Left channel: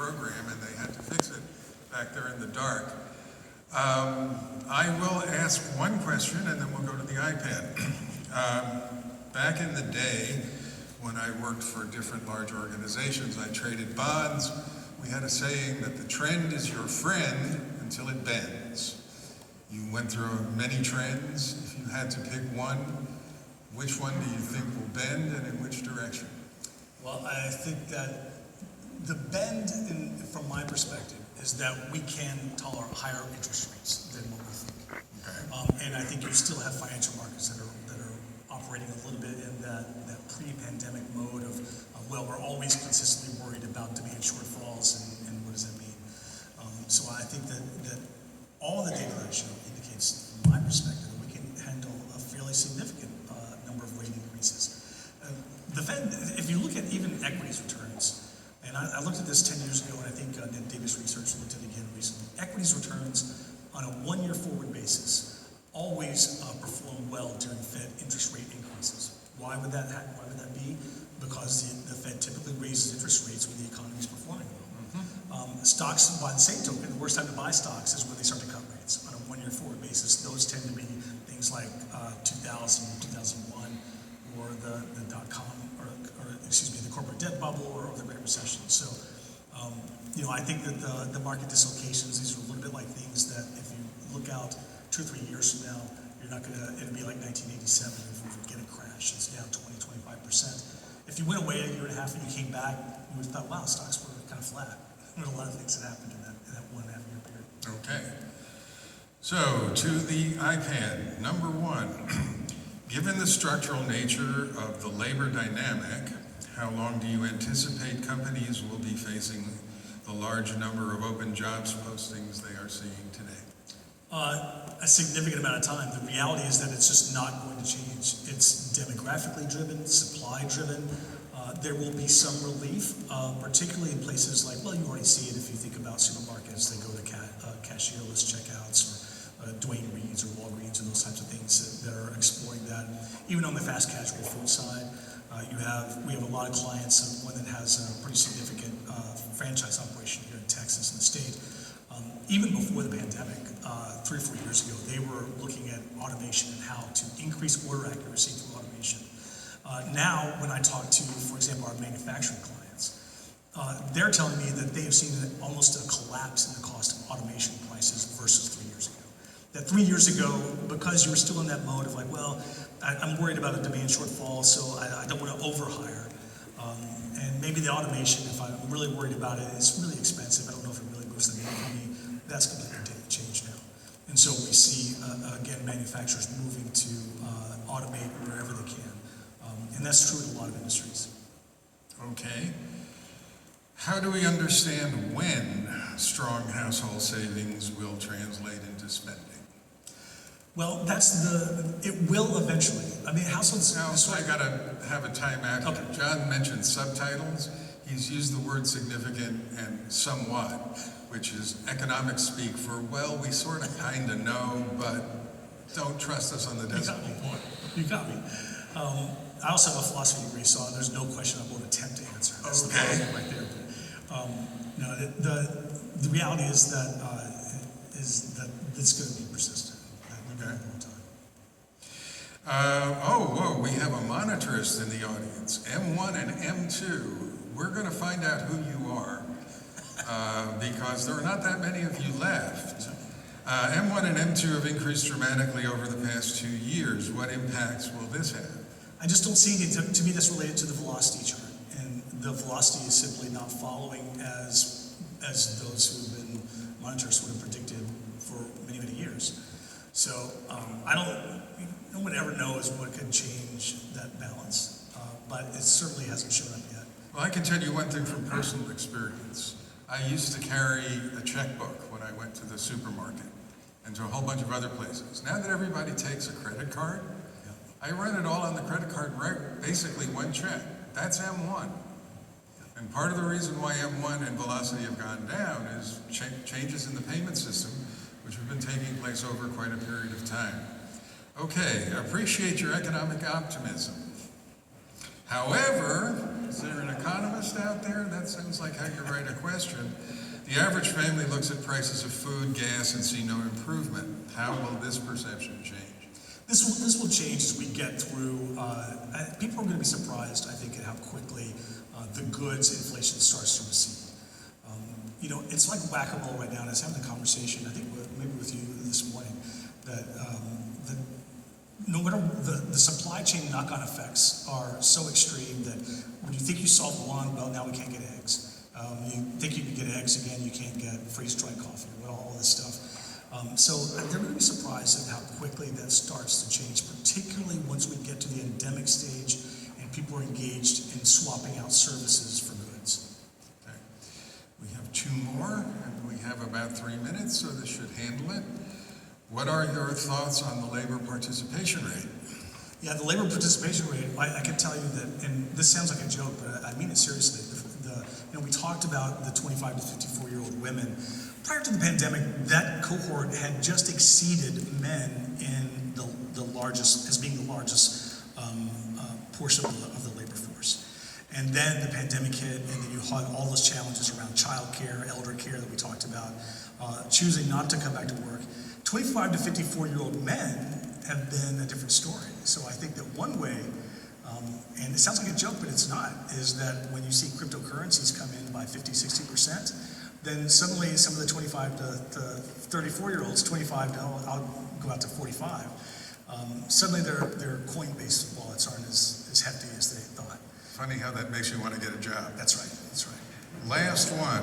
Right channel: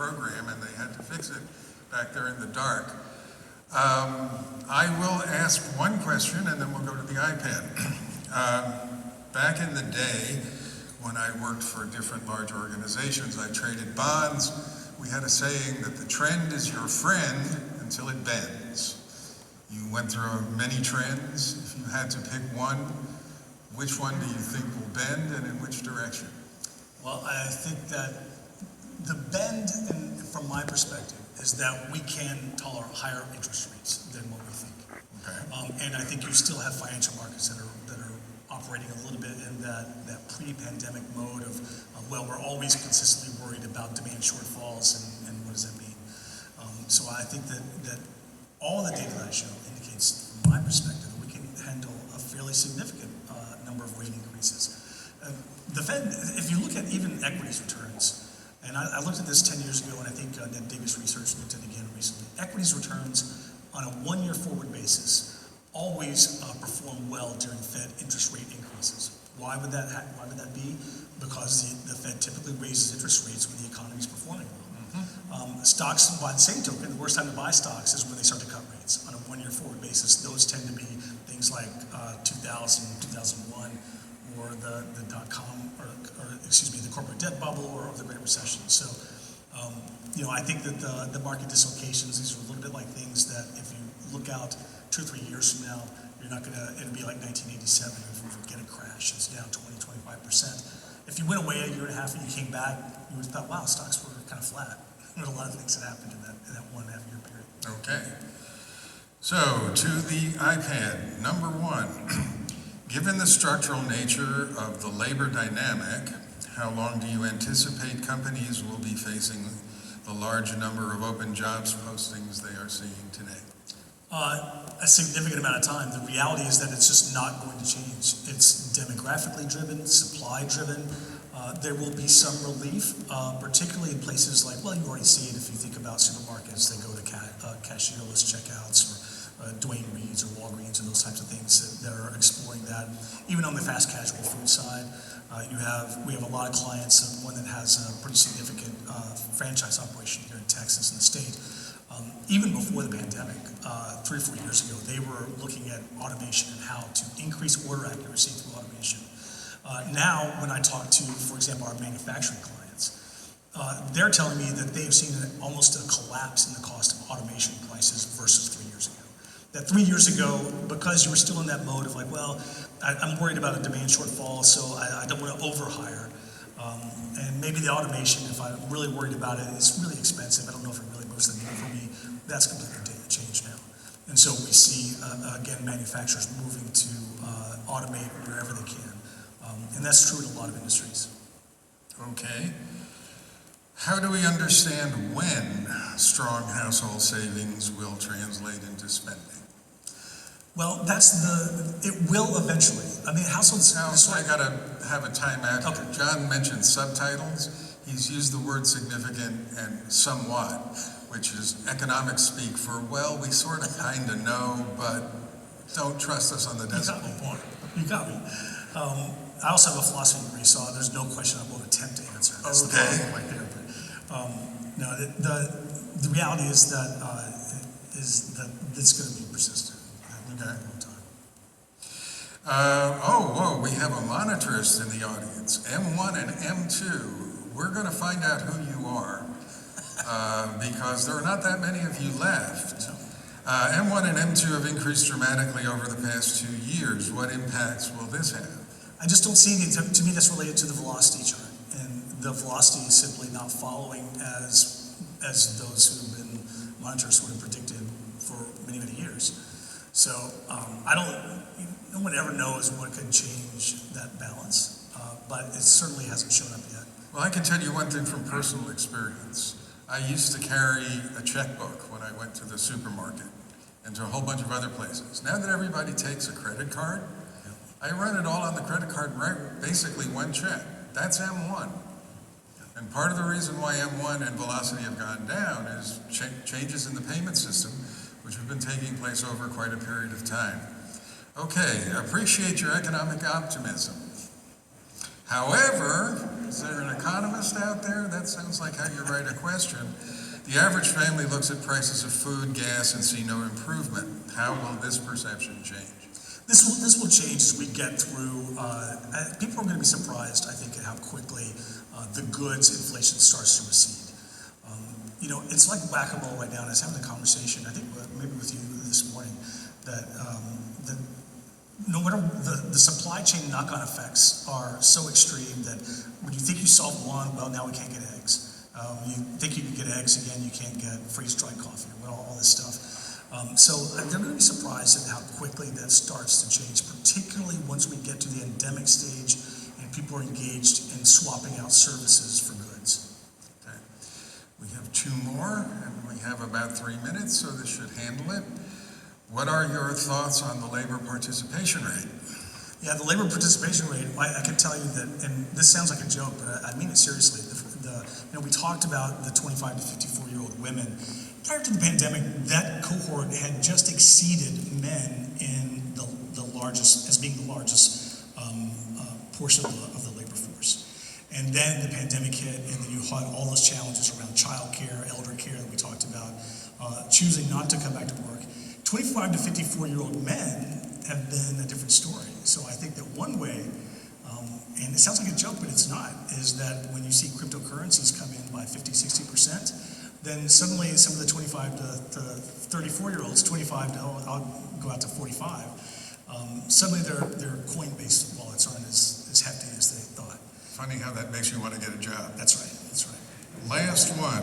program, and they had to fix it back there in the dark. I will ask one question, and then we'll go to the iPad. Back in the day, when I worked for different large organizations, I traded bonds. We had a saying that the trend is your friend until it bends. You went through many trends. If you had to pick one, which one do you think will bend, and in which direction? Well, I think that the bend, from my perspective, is that we can tolerate higher interest rates than what we think. Okay. And I think you still have financial markets that are operating a little bit in that pre-pandemic mode of, well, we're always consistently worried about demand shortfalls, and what does that mean? So I think that all the data that I show indicates, from my perspective, that we can handle a fairly significant number of rate increases. The Fed, if you look at even equities returns, and I looked at this 10 years ago, and I think Ned Davis Research looked at it again recently, equities returns on a one-year forward basis always perform well during Fed interest rate increases. Why would that be? Because the Fed typically raises interest rates when the economy is performing well. Mm-hmm. Stocks, by the same token, the worst time to buy stocks is when they start to cut rates on a one-year forward basis. Those tend to be things like 2000, 2001, or the dot-com, or excuse me, the corporate debt bubble, or the Great Recession. So, I think that the market dislocations, these are a little bit like things that if you look out 2 or 3 years from now, it'll be like 1987 if we get a crash. It's down 20-25%. If you went away a year and a half and you came back, you would have thought, wow, stocks were kind of flat. There were a lot of things that happened in that 1.5 year period. Okay. So, to the iPad, number one, given the structural nature of the labor dynamic, how long do you anticipate companies will be facing the large number of open jobs postings they are seeing today? A significant amount of time. The reality is that it's just not going to change. It's demographically driven, supply driven. There will be some relief, particularly in places like, well, you already see it if you think about supermarkets. They go to cashierless checkouts, or Duane Reade's or Walgreens, and those types of things that are exploring that. Even on the fast casual food side, we have a lot of clients, one that has a pretty significant franchise operation here in Texas in the state. Even before the pandemic, 3 or 4 years ago, they were looking at automation and how to increase order accuracy through automation. Now, when I talk to, for example, our manufacturing clients, they're telling me that they have seen almost a collapse in the cost of automation prices versus 3 years ago. That 3 years ago, because you were still in that mode of like, well, I'm worried about a demand shortfall, so I don't want to overhire. And maybe the automation, if I'm really worried about it, it's really expensive. I don't know if it really moves the needle for me. That's completely changed now. And so we see, again, manufacturers moving to automate wherever they can. And that's true in a lot of industries. Okay. How do we understand when strong household savings will translate into spending? Well, it will eventually. I mean, households... Now, I got to have a timeout. Okay. John mentioned subtitles. He's used the word significant and somewhat, which is economic speak for, well, we sort of kind of know, but don't trust us on the decimal point. You got me. I also have a philosophy degree, so there's no question I won't attempt to answer. That's okay. The problem right there. But, the reality is that it's going to be persistent. We got a long time. We have a monetarist in the audience. M1 and M2. We're going to find out who you are. Because there are not that many of you left. M1 and M2 have increased dramatically over the past 2 years. What impacts will this have? I just don't see it. To me, that's related to the velocity chart. And the velocity is simply not following as those who have been monitors would have predicted for many, many years. So no one ever knows what can change that balance, but it certainly hasn't shown up yet. Well, I can tell you one thing from personal experience. I used to carry a checkbook when I went to the supermarket and to a whole bunch of other places. Now that everybody takes a credit card, I run it all on the credit card, right? Basically one check. That's M1. And part of the reason why M1 and velocity have gone down is changes in the payment system, which have been taking place over quite a period of time. Okay, appreciate your economic optimism. However, Is there an economist out there? That sounds like how you write a question. The average family looks at prices of food, gas, and see no improvement. How will this perception change? This will change as we get through. People are going to be surprised, I think, at how quickly the goods inflation starts to recede. It's like whack-a-mole right now, and I was having a conversation, I think maybe with you this morning, that no matter the supply chain knock-on effects are so extreme that when you think you solved one, well, now we can't get eggs. You think you can get eggs again, you can't get freeze-dried coffee, all this stuff. So they're going to be surprised at how quickly that starts to change, particularly once we get to the endemic stage and people are engaged in swapping out services for goods. Okay. We have two more, and we have about 3 minutes, so this should handle it. What are your thoughts on the labor participation rate? Yeah, the labor participation rate, I can tell you that, and this sounds like a joke, but I mean it seriously. We talked about the 25 to 54-year-old women. Prior to the pandemic, that cohort had just exceeded men in the largest, as being the largest portion of the labor force. And then the pandemic hit, and then you had all those challenges around child care, elder care that we talked about, choosing not to come back to work. 25 to 54-year-old men have been a different story. So I think that one way, and it sounds like a joke, but it's not, is that when you see cryptocurrencies come in by 50, 60%, then suddenly some of the 25 to 34-year-olds, 25 to, I'll go out to 45, suddenly their coin-based wallets aren't as hefty as they thought. Funny how that makes you want to get a job. That's right. Last one.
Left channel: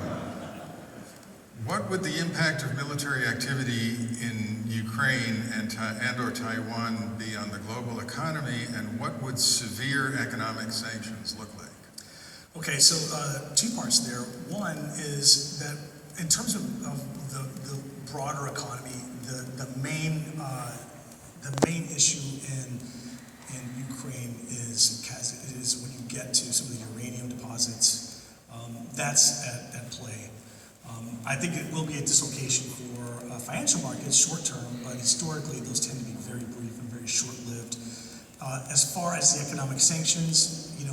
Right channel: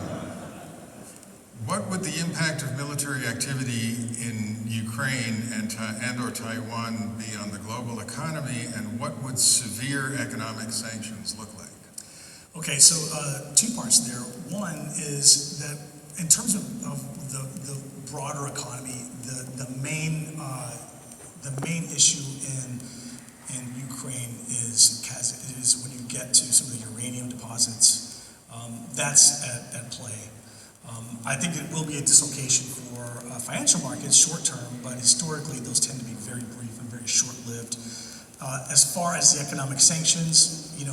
What would the impact of military activity in Ukraine and or Taiwan be on the global economy, and what would severe economic sanctions look like? Okay, so two parts there. One is that in terms of the broader economy, the main issue in Ukraine is when you get to some of the uranium deposits, that's at play. I think it will be a dislocation for financial markets short term, but historically those tend to be very brief and very short-lived. As far as the economic sanctions, we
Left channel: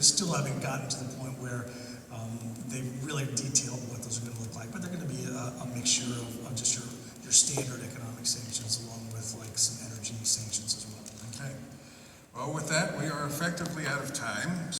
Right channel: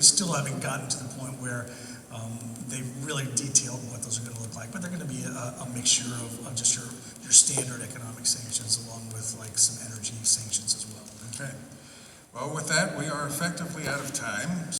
still haven't gotten to the point where they've really detailed what those are going to look like, but they're going to be a mixture of just your standard economic sanctions along with like some energy sanctions as well. Okay. Well, with that, we are effectively out of time.